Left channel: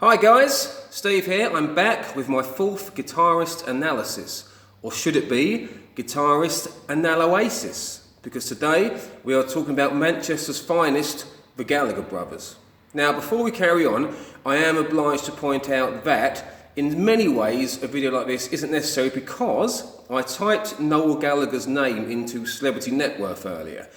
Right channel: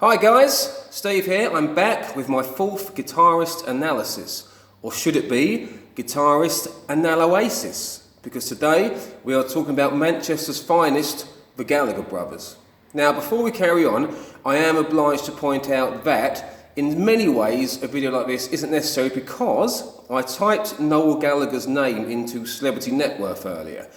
Hi guys, Steve here. I'm back with my fourth guitarist analysis, or should it be guitarist Oasis? Because today we are talking about Manchester's finest, the Gallagher brothers. Now before we carry on, I am obliged to point out that in many ways a video like this isn't necessary because I typed Noel Gallagher's name into Celebrity Net Worth earlier.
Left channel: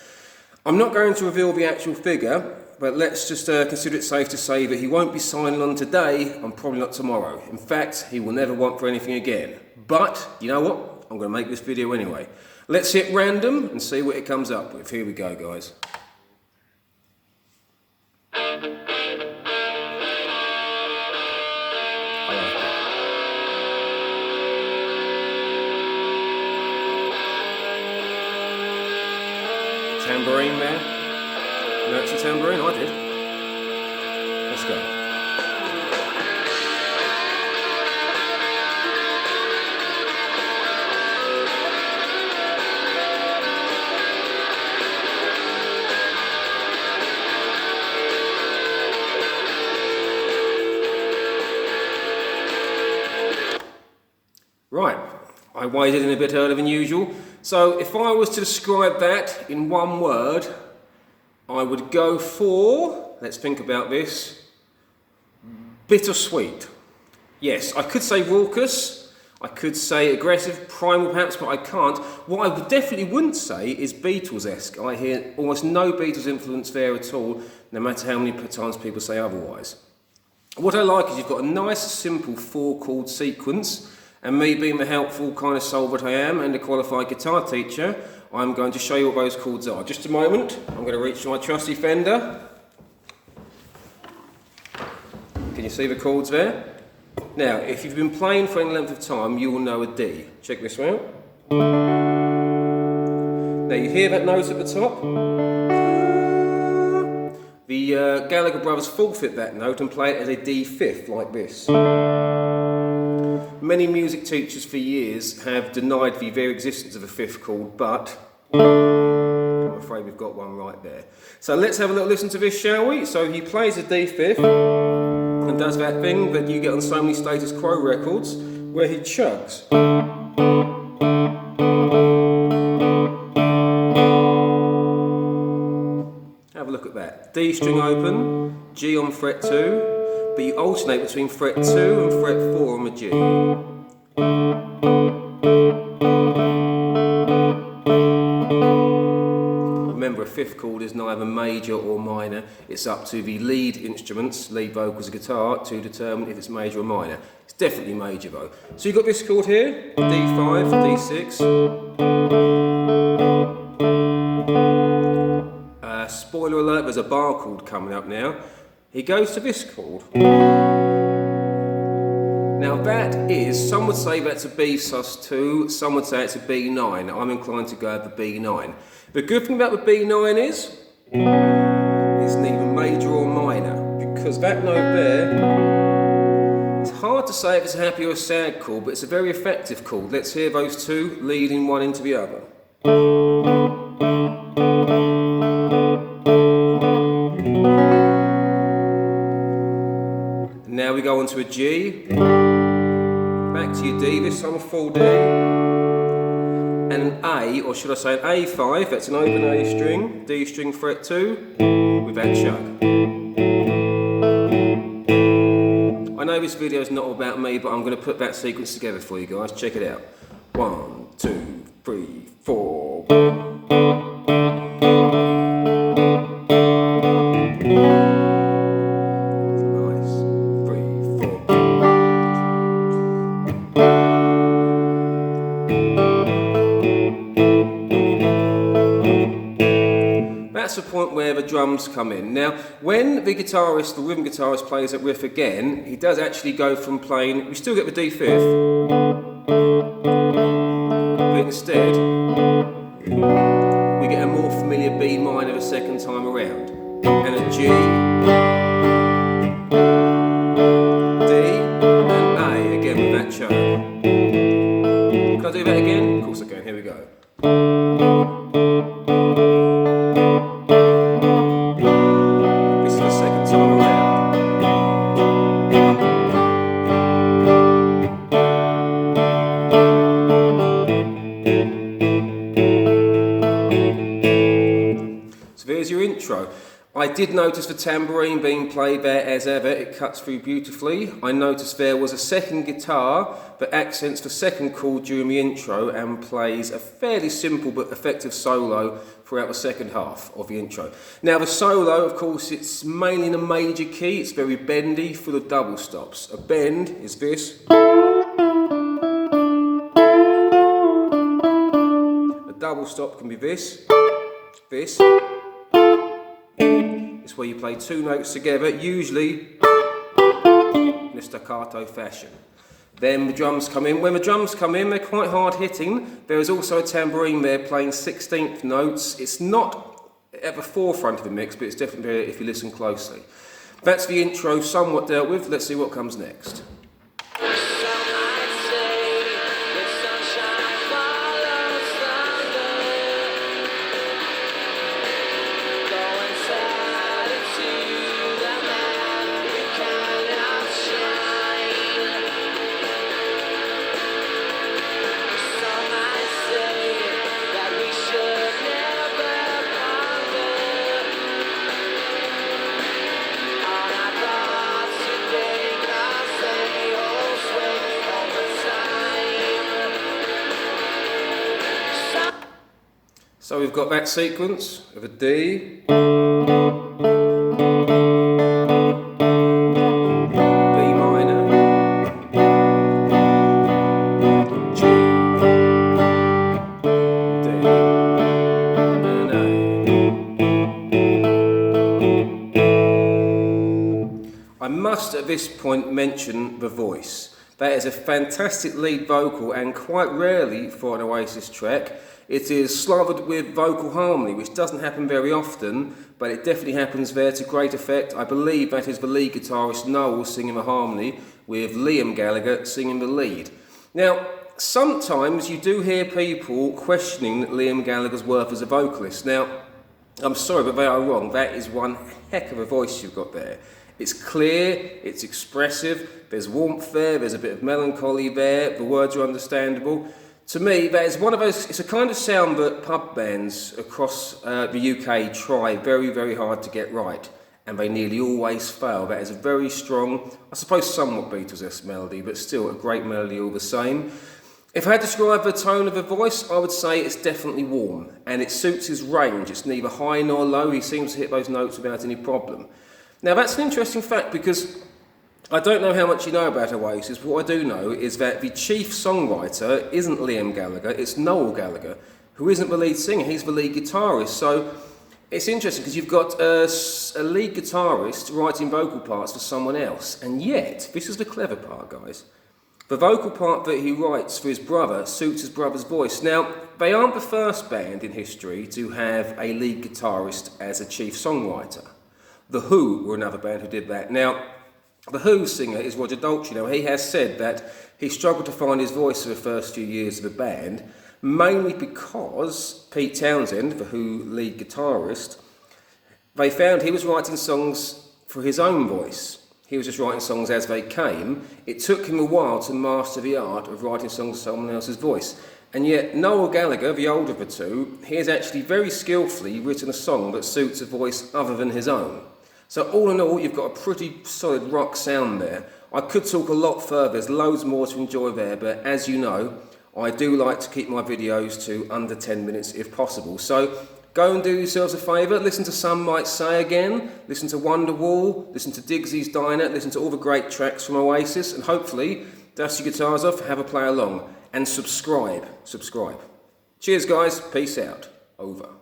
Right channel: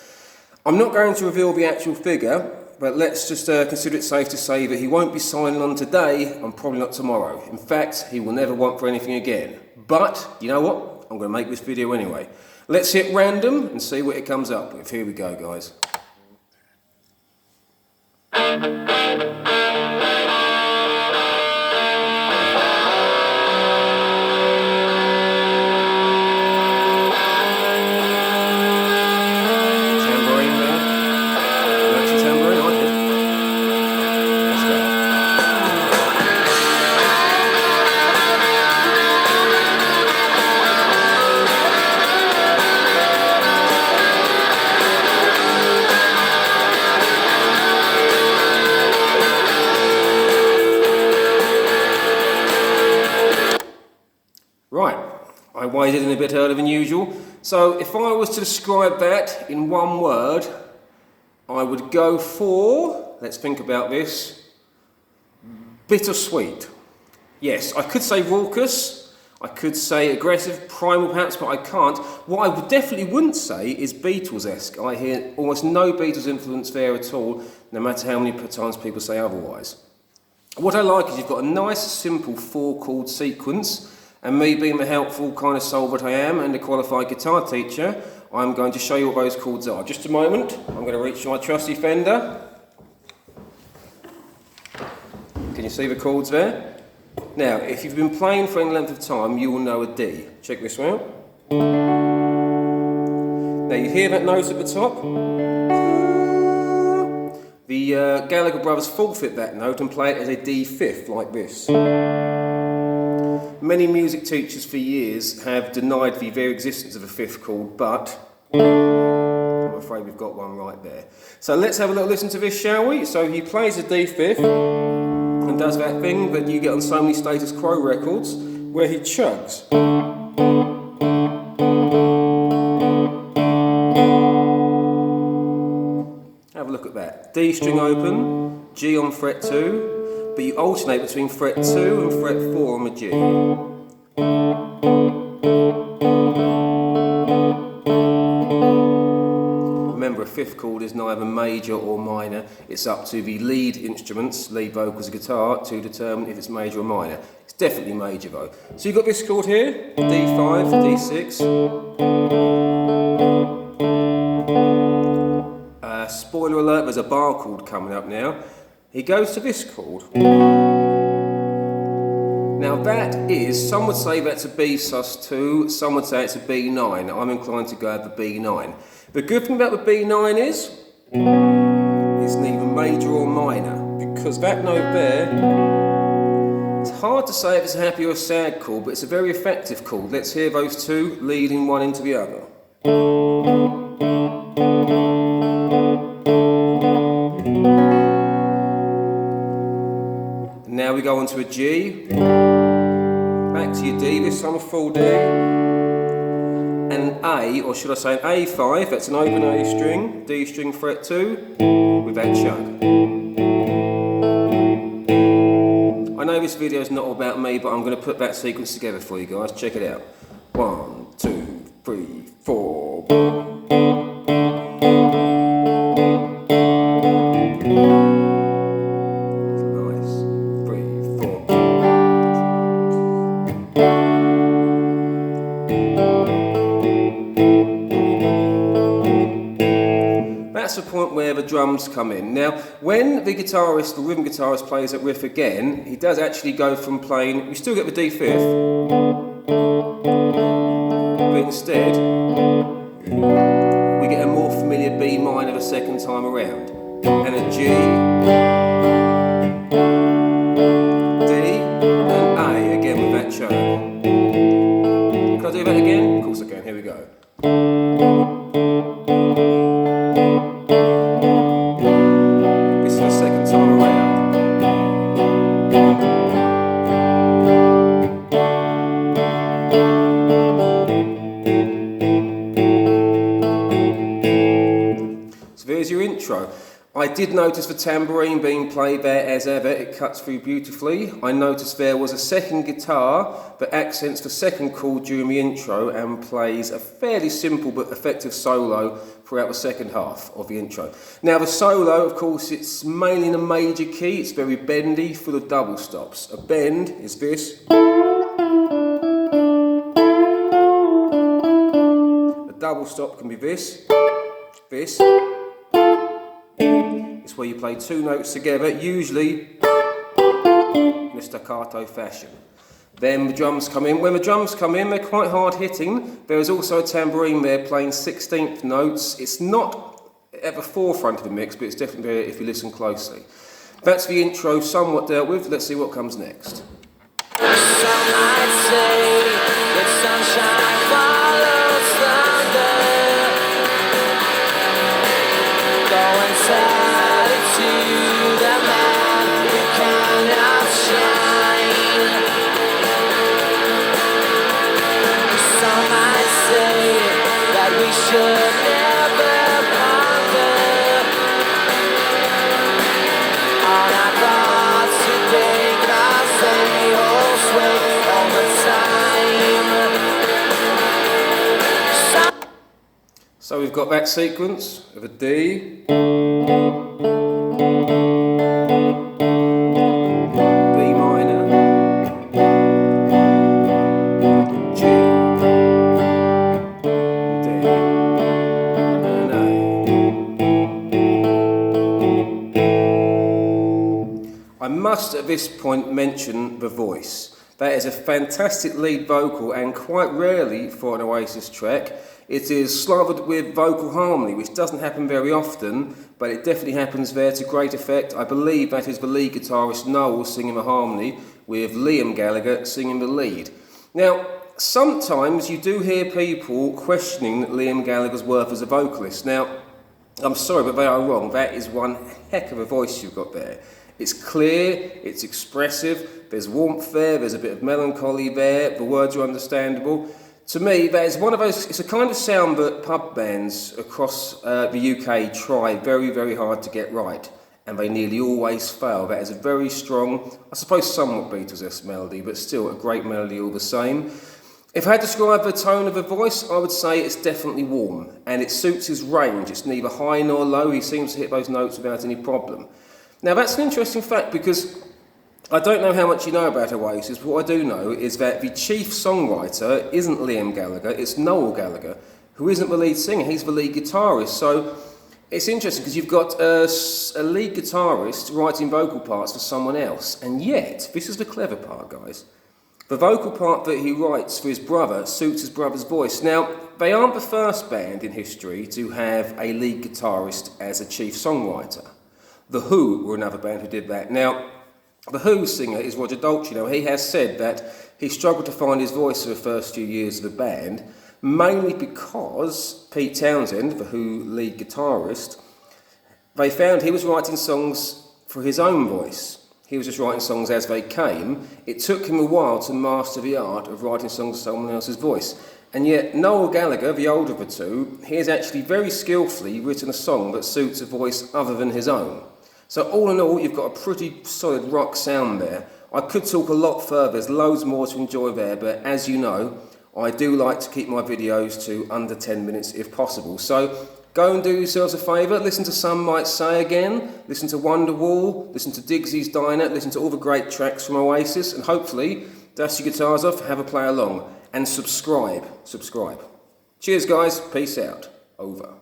I'm not going to reveal the actual figure, but let's just consider it safe to say that he won't be signing on today and probably not tomorrow. In fact, he will never want for anything again. But, you know what? I'm going to make this video anyway. Let's hit random and see what it comes up with. Here we go, guys. Tambourine there. You know it's a tambourine? I did. Let's go. Right, I waded in a bit earlier than usual. So if I was to describe that in one word, I would go for, let's think about this, bittersweet. Yes, I could say raucous, I could say aggressive, primal perhaps, but I can't. What I definitely wouldn't say is Beatles-esque. I hear almost no Beatles influence there at all, no matter how many times people say otherwise. What I like is you've got a nice, simple four-chord sequence, and me being the helpful kind of soul that I am and a qualified guitar teacher, I'm going to show you what those chords are. Just a moment, I'm going to reach for my trusty Fender. Can you see the chords there? Now, if you've been playing for any length of time, you will know a D. Check this one out. Now you hear that note at the top? The Gallagher brothers forfeit that note and play it as a D fifth, like this. Many music teachers for years have denied the very existence of a fifth chord, but I'm afraid we've got one right there. So let's have a little listen to this, shall we? So he plays a D fifth and does that thing that you get on so many Status Quo records, where he chugs. Have a look at that. D string open, G on fret 2, but you alternate between fret 2 and fret 4 on the G. Remember, a fifth chord is neither major or minor. It's up to the lead instruments, lead vocals, guitar, to determine if it's major or minor. It's definitely major though. So you've got this chord here, D5, D6. Spoiler alert, there's a bar chord coming up now. He goes to this chord. Now that is, some would say that's a B sus2, some would say it's a B9. I'm inclined to go with the B9. The good thing about the B9 is, it's neither major or minor, because that note there, it's hard to say if it's a happy or a sad chord, but it's a very effective chord. Let's hear those two leading one into the other. Now we go on to a G, back to your D, this time a full D, and an A, or should I say an A5, that's an open A string, D string fret 2, with that chug. I know this video is not all about me, but I'm going to put that sequence together for you guys, check it out. 1, 2, 3, 4. That's the point where the drums come in. Now, when the guitarist, the rhythm guitarist, plays that riff again, he does actually go from playing, we still get the D fifth, but instead, we get a more familiar B minor the second time around. And a G, D, and A, again with that chug. Can I do that again? Of course I can, here we go. This is the second time around. I did notice the tambourine being played there as ever. It cuts through beautifully. I noticed there was a second guitar that accents the second chord during the intro and plays a fairly simple but effective solo throughout the second half of the intro. Now the solo, of course, it's mainly in a major key. It's very bendy, full of double stops. A bend is this. A double stop can be this, this. It's where you play two notes together, usually in a staccato fashion. Then the drums come in. When the drums come in, they're quite hard hitting. There is also a tambourine there playing 16th notes. It's not at the forefront of the mix, but it's definitely there if you listen closely. That's the intro somewhat dealt with. Let's see what comes next. So we've got that sequence of a D, B minor, G, D, and A. I must at this point mention the voice. That is a fantastic lead vocal, and quite rarely for an Oasis track, it is slathered with vocal harmony, which doesn't happen very often, but it definitely happens there to great effect. I believe that is the lead guitarist Noel singing the harmony, with Liam Gallagher singing the lead. Now, sometimes you do hear people questioning Liam Gallagher's worth as a vocalist. Now, I'm sorry, but they are wrong. That is one heck of a voice you've got there. It's clear, it's expressive, there's warmth there, there's a bit of melancholy there, the words are understandable. To me, that is one of those, it's a kind of sound that pub bands across the UK try very, very hard to get right, and they nearly always fail. That is a very strong, I suppose somewhat Beatles-esque melody, but still a great melody all the same. If I had to describe the tone of the voice, I would say it's definitely warm, and it suits his range. It's neither high nor low. He seems to hit those notes without any problem. Now, that's an interesting fact, because I don't know how much you know about Oasis, but what I do know is that the chief songwriter isn't Liam Gallagher, it's Noel Gallagher, who isn't the lead singer, he's the lead guitarist. So it's interesting because you've got a lead guitarist writing vocal parts for someone else, and yet, this is the clever part, guys, the vocal part that he writes for his brother suits his brother's voice. Now, they aren't the first band in history to have a lead guitarist as a chief songwriter. The Who were another band who did that. Now, the Who singer is Roger Daltrey. Now, he has said that he struggled to find his voice for the first few years of the band, mainly because Pete Townsend, the Who lead guitarist, they found he was writing songs for his own voice. He was just writing songs as they came. It took him a while to master the art of writing songs for someone else's voice. And yet, Noel Gallagher, the older of the two, he has actually very skillfully written a song that suits a voice other than his own. So all in all, you've got a pretty solid rock sound there. I could talk a lot further, there's loads more to enjoy there, but as you know, I do like to keep my videos to under 10 minutes if possible. So go and do yourselves a favour, listen to Some Might Say again, listen to Wonderwall, listen to Digsy's Diner, listen to all the great tracks from Oasis, and hopefully dust your guitars off, have a play along, and subscribe. Cheers guys, peace out, over.